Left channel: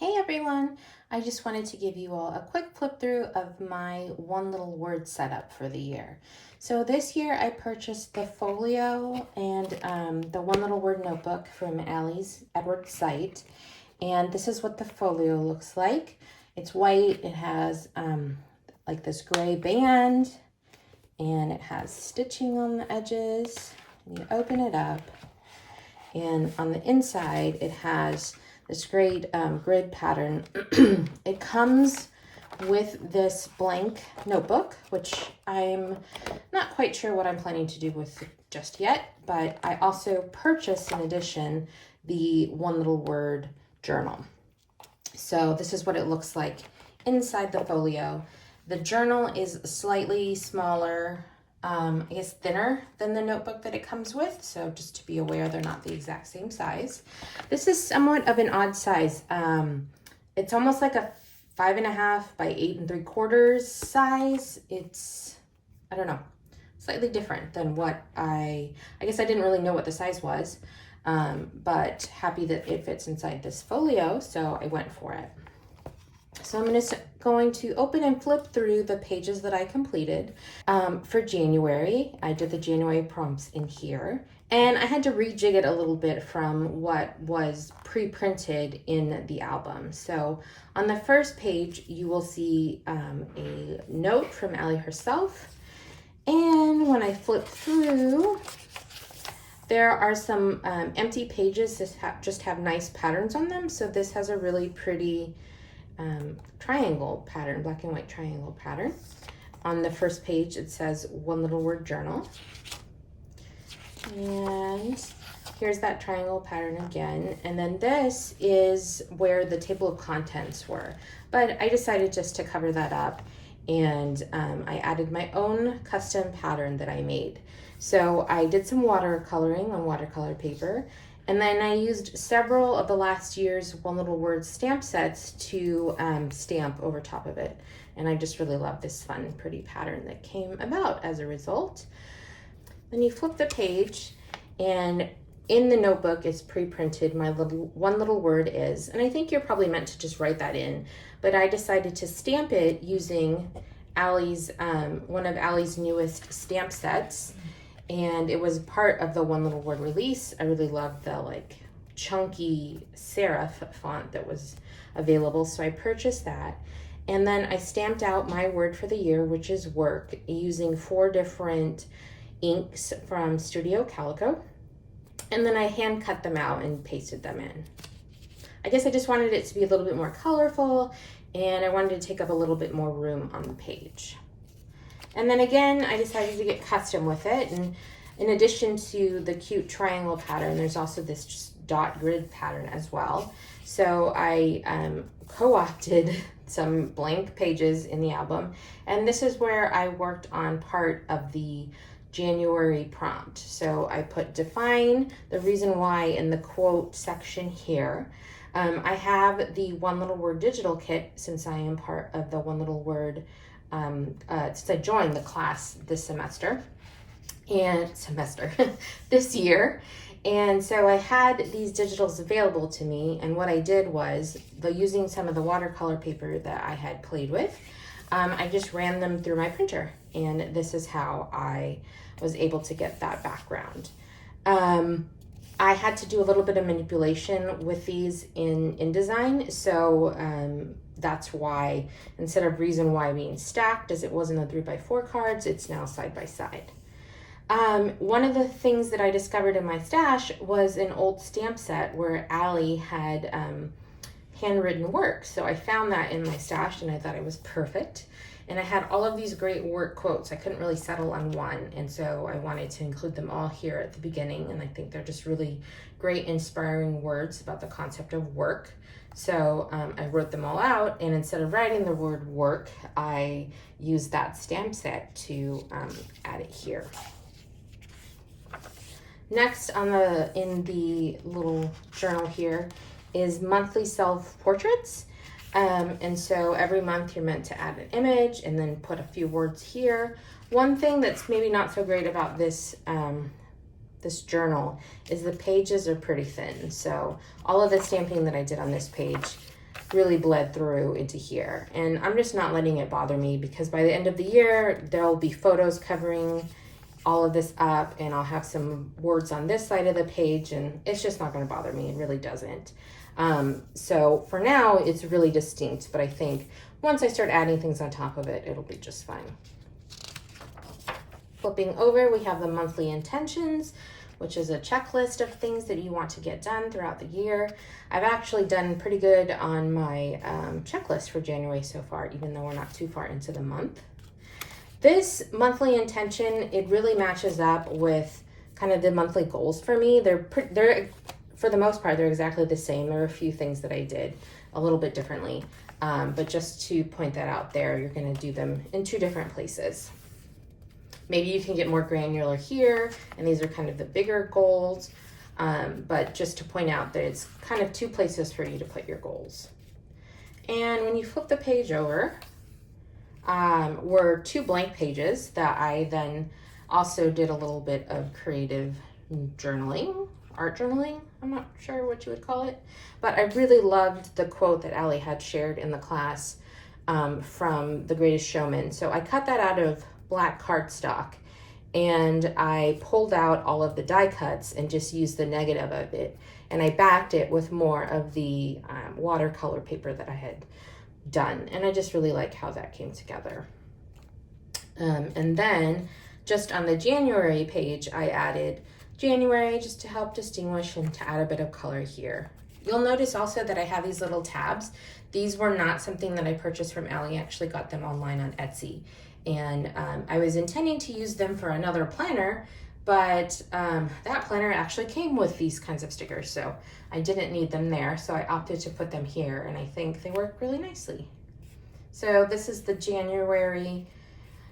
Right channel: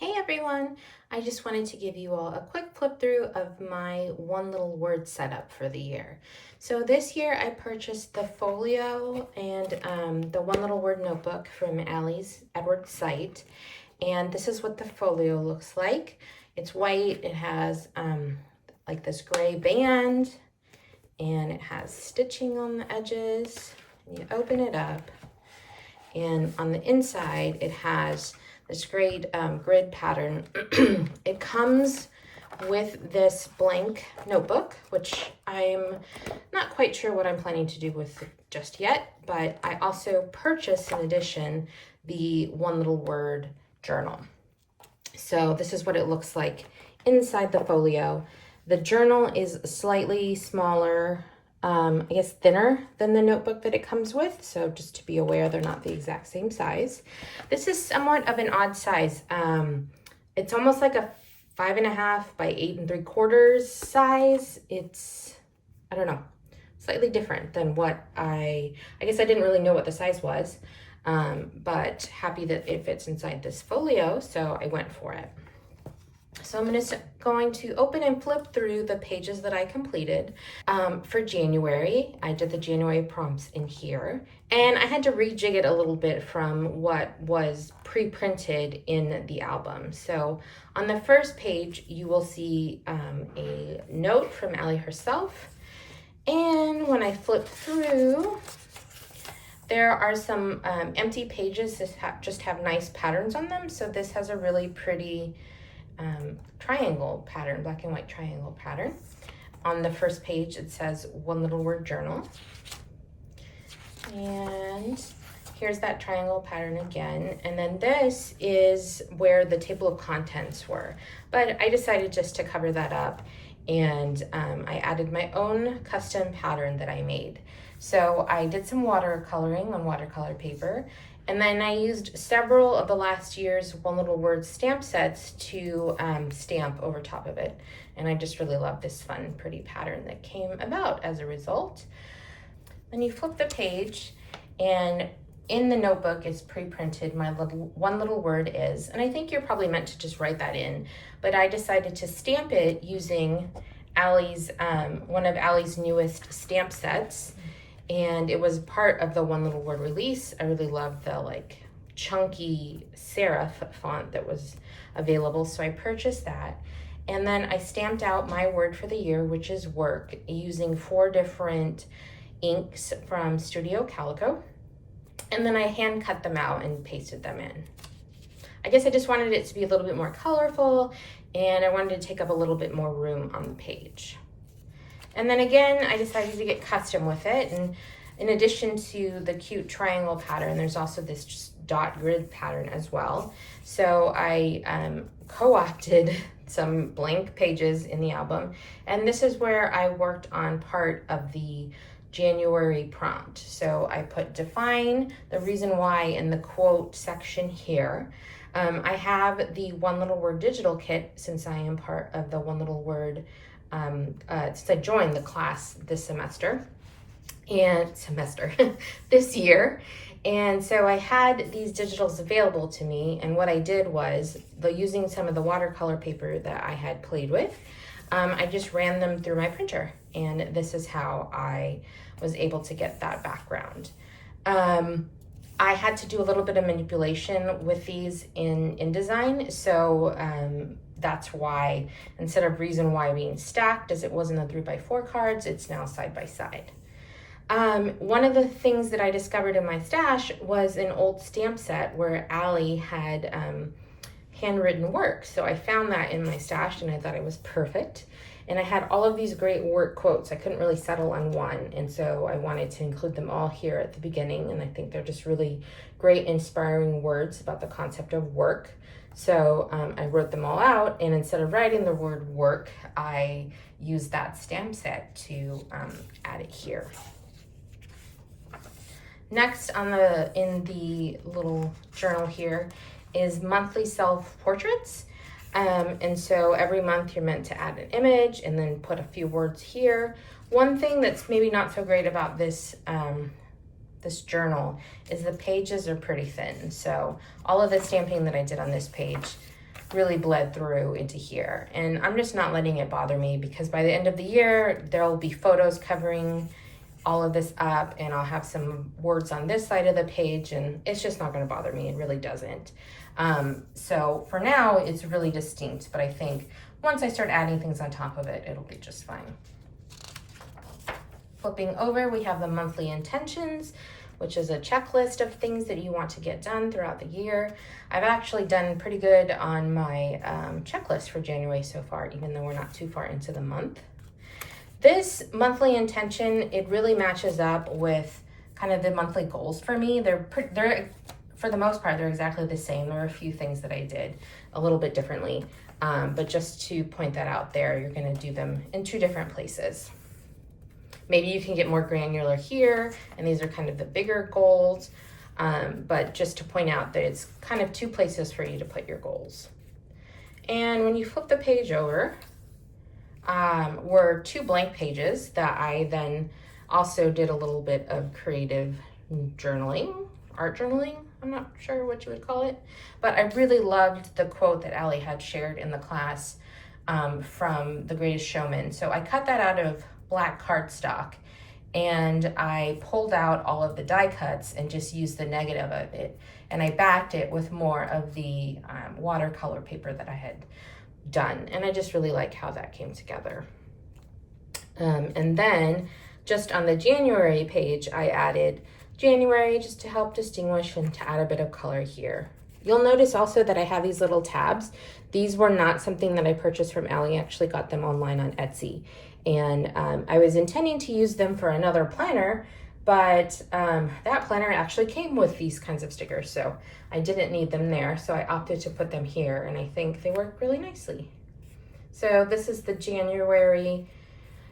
Hey everyone! I just wanted to give you all a quick flip through of my one little word setup for the year. So this year I purchased the folio and the one little word notebook from Allie's Edwards site. And this is what the folio looks like. It's white, it has like this gray band, and it has stitching on the edges. You open it up, and on the inside it has this great grid pattern. It comes with this blank notebook, which I'm not quite sure what I'm planning to do with just yet, but I also purchased in addition the one little word journal. So this is what it looks like inside the folio. The journal is slightly smaller, I guess thinner than the notebook that it comes with. So just to be aware, they're not the exact same size. This is somewhat of an odd size. It's almost like a 5.5 by 8 3/4 size. It's, I don't know, slightly different than what I guess I didn't really know what the size was, but happy that it fits inside this folio, so I went for it. So I'm going to open and flip through the pages that I completed. For January, I did the January prompts in here, and I had to rejig it a little bit from what was pre-printed in the album. So on the first page, you will see a note from Allie herself. And when I flip through, there are some empty pages that just have nice patterns on them. So this has a really pretty triangle pattern, black and white triangle pattern. On the first page, it says one little word journal. And here's that triangle pattern again. And then this is where the table of contents were. But I decided just to cover that up, and I added my own custom pattern that I made. So I did some watercoloring on watercolor paper, and then I used several of the last year's one little word stamp sets to stamp over top of it. And I just really love this fun, pretty pattern that came about as a result. Then you flip the page, and in the notebook is pre-printed my one little word is, and I think you're probably meant to just write that in, but I decided to stamp it using Allie's, one of Allie's newest stamp sets. And it was part of the one little word release. I really loved the like chunky serif font that was available, so I purchased that. And then I stamped out my word for the year, which is work, using 4 different inks from Studio Calico. And then I hand cut them out and pasted them in. I guess I just wanted it to be a little bit more colorful, and I wanted to take up a little bit more room on the page. And then again, I decided to get custom with it. And in addition to the cute triangle pattern, there's also this just dot grid pattern as well. So I co-opted some blank pages in the album. And this is where I worked on part of the January prompt. So I put define the reason why in the quote section here. I have the one little word digital kit since I am part of the one little word since I joined the class this this year. And so I had these digitals available to me, and what I did was, using some of the watercolor paper that I had played with, I just ran them through my printer, and this is how I was able to get that background. I had to do a little bit of manipulation with these in InDesign, so that's why instead of reason why being stacked as it was in the 3x4 cards, it's now side by side. One of the things that I discovered in my stash was an old stamp set where Allie had handwritten work. So I found that in my stash, and I thought it was perfect. And I had all of these great work quotes. I couldn't really settle on one, and so I wanted to include them all here at the beginning, and I think they're just really great, inspiring words about the concept of work. So I wrote them all out, and instead of writing the word work, I used that stamp set to add it here. Next in the little journal here is monthly self-portraits. And so every month you're meant to add an image and then put a few words here. One thing that's maybe not so great about this this journal is the pages are pretty thin. So all of the stamping that I did on this page really bled through into here. And I'm just not letting it bother me, because by the end of the year, there will be photos covering all of this up, and I'll have some words on this side of the page, and it's just not going to bother me. It really doesn't. So for now, it's really distinct, but I think once I start adding things on top of it, it'll be just fine. Flipping over, we have the monthly intentions, which is a checklist of things that you want to get done throughout the year. I've actually done pretty good on my checklist for January so far, even though we're not too far into the month. This monthly intention, it really matches up with kind of the monthly goals for me. They're for the most part, they're exactly the same. There were a few things that I did a little bit differently, but just to point that out there, you're going to do them in 2 different places. Maybe you can get more granular here, and these are kind of the bigger goals, but just to point out that it's kind of 2 places for you to put your goals. And when you flip the page over, were 2 blank pages that I then also did a little bit of creative journaling, art journaling, I'm not sure what you would call it, but I really loved the quote that Allie had shared in the class from The Greatest Showman. So I cut that out of black cardstock, and I pulled out all of the die cuts and just used the negative of it, and I backed it with more of the watercolor paper that I had done, and I just really like how that came together. And then just on the January page, I added January just to help distinguish and to add a bit of color here. You'll notice also that I have these little tabs. These were not something that I purchased from Allie. I actually got them online on Etsy, and I was intending to use them for another planner, but that planner actually came with these kinds of stickers, so I didn't need them there, so I opted to put them here, and I think they work really nicely. So this is the January,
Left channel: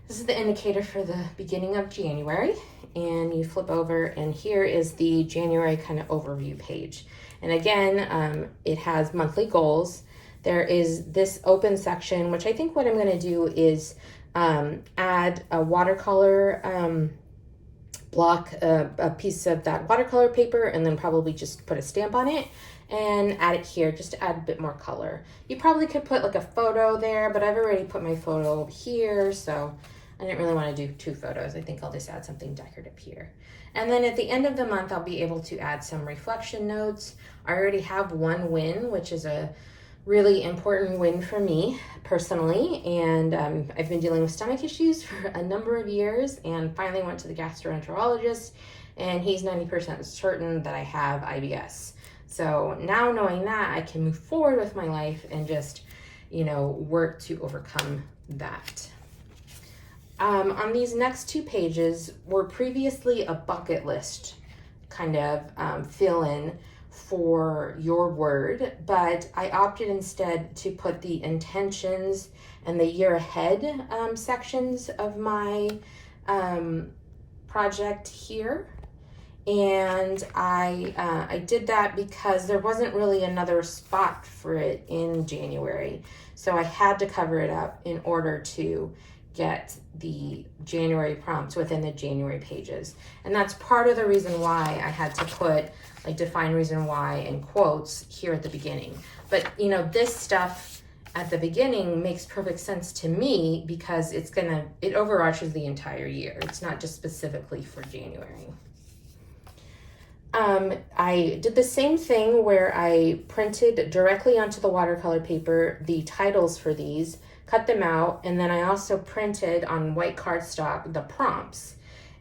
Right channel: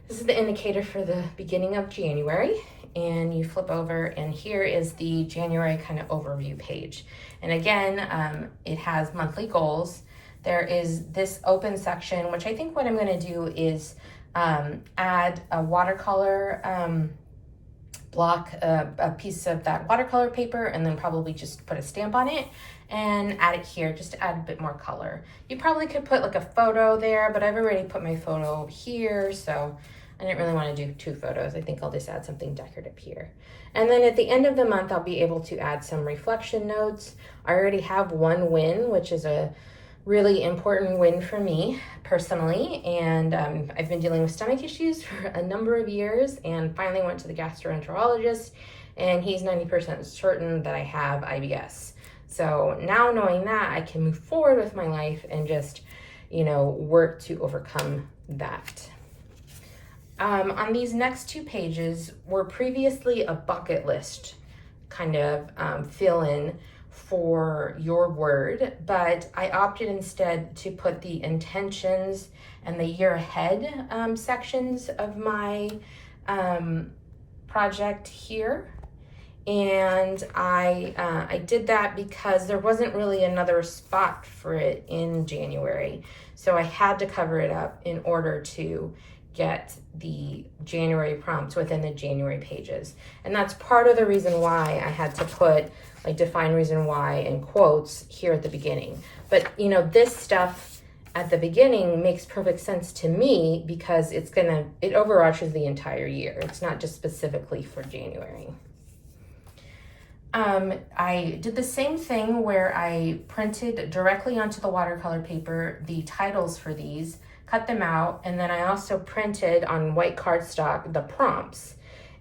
this is the indicator for the beginning of January, and you flip over, and here is the January kind of overview page. And again, it has monthly goals. There is this open section, which I think what I'm going to do is add a watercolor block, a piece of that watercolor paper, and then probably just put a stamp on it and add it here just to add a bit more color. You probably could put like a photo there, but I've already put my photo here, so I didn't really want to do 2 photos. I think I'll just add something decorative here. And then at the end of the month, I'll be able to add some reflection notes. I already have 1 win, which is a really important win for me personally, and I've been dealing with stomach issues for a number of years, and finally went to the gastroenterologist, and he's 90% certain that I have IBS. So now knowing that, I can move forward with my life and just, you know, work to overcome that. On these next 2 pages were previously a bucket list kind of fill in for your word, but I opted instead to put the intentions and the year ahead sections of my project here. And I did that because there wasn't really another spot for it in January. So I had to cover it up in order to get the January prompts within the January pages. And that's part of the reason why I had to put like define reason why in quotes here at the beginning. But you know, this stuff at the beginning makes perfect sense to me because it overarches the entire year. It's not just specifically for January. I did the same thing where I printed directly onto the watercolor paper the titles for these, cut them out, and then I also printed on white cardstock the prompts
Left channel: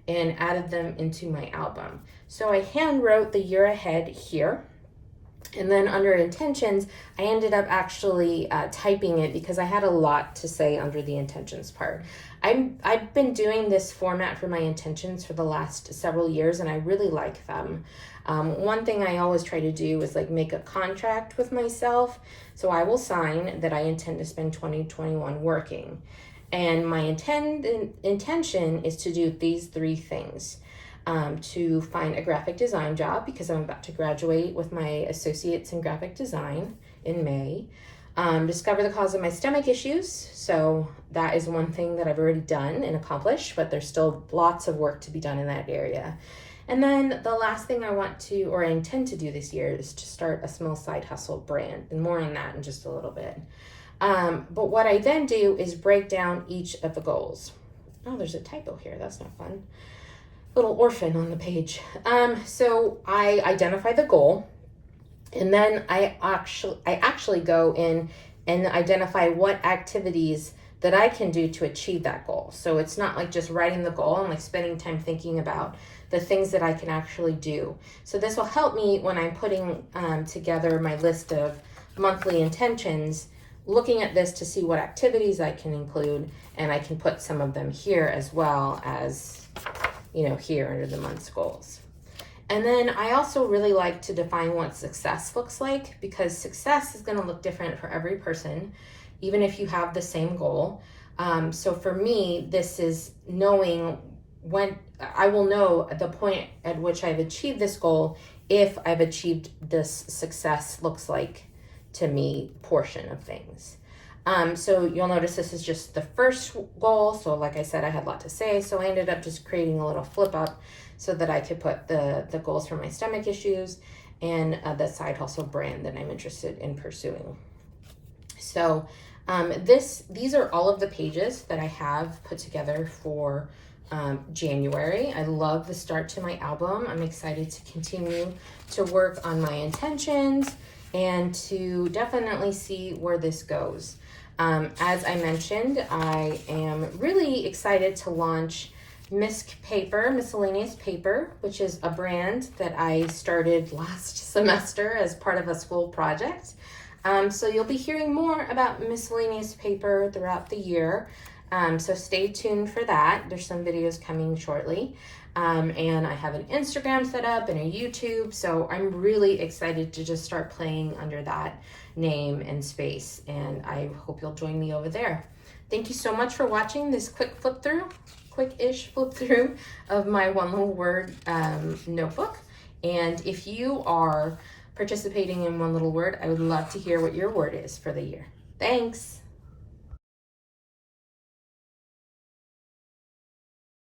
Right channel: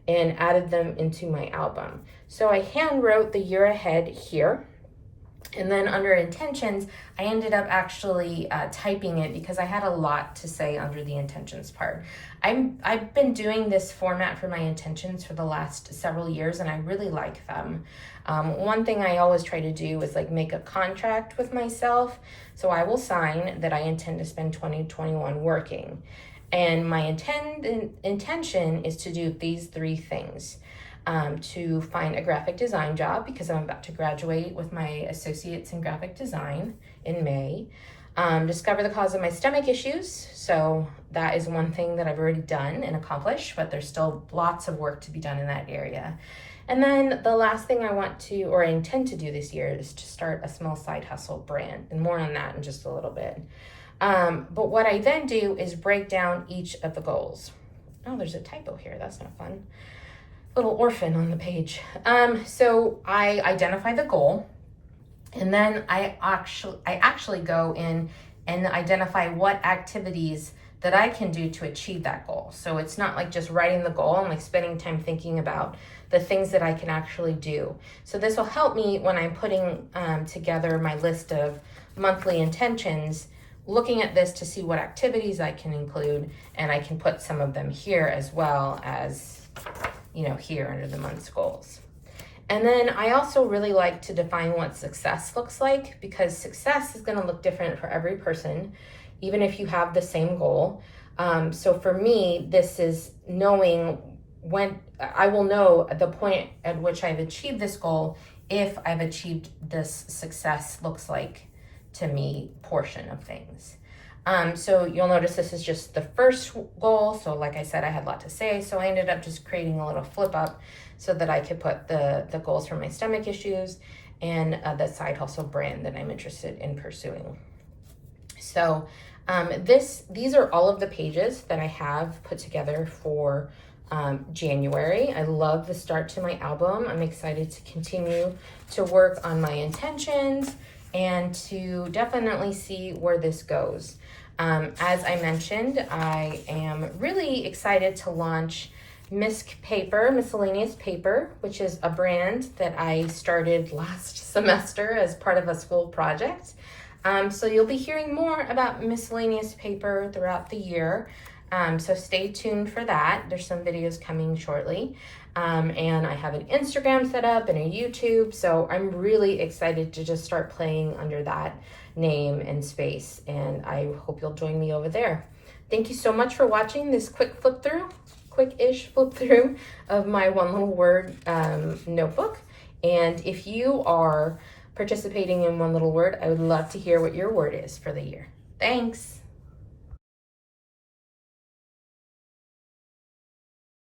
and added them into my album. So I hand wrote the year ahead here, and then under intentions, I ended up actually typing it because I had a lot to say under the intentions part. I've been doing this format for my intentions for the last several years, and I really like them. One thing I always try to do is like make a contract with myself. So I will sign that I intend to spend 2021 working. And my intention is to do these 3 things. To find a graphic design job because I'm about to graduate with my associates in graphic design in May. Discover the cause of my stomach issues. So that is one thing that I've already done and accomplished, but there's still lots of work to be done in that area. And then the last thing I want to, or I intend to do this year, is to start a small side hustle brand, and more on that in just a little bit. But what I then do is break down each of the goals. Oh, there's a typo here. That's not fun. Little orphan on the page. So I identify the goal, and then I actually go in and identify what activities that I can do to achieve that goal. So it's not like just writing the goal and like spending time thinking about the things that I can actually do. So this will help me when I'm putting together my list of monthly intentions, looking at this to see what activities I can include, and I can put some of them here as well as, you know, here under the month's goals. And then I also really like to define what success looks like, because success is going to look different for every person, even if you have the same goal. So for me, this is knowing when I will know at the point at which I've achieved this goal, if I've achieved this success looks like to me portion of things. So you'll notice this is just the first goal. So like I said, I had a lot to say, so I ended up just creating a little flip up so that I could put the goals for my stomach issues and the side hustle brand that I'm interested in pursuing. So these are all of the pages that I have put together for January. I love the start to my album. I'm excited to continue to work on my intentions and to definitely see where this goes. As I mentioned, I am really excited to launch Misc Paper, Miscellaneous Paper, which is a brand that I started last semester as part of a school project. So you'll be hearing more about Miscellaneous Paper throughout the year. So stay tuned for that. There's some videos coming shortly. And I have an Instagram set up and a YouTube. So I'm really excited to just start playing under that name and space. And I hope you'll join me over there. Thank you so much for watching this quick-ish flip through of my one little word notebook. And if you are participating in One Little Word, I would love to hear what your word is for the year. Thanks.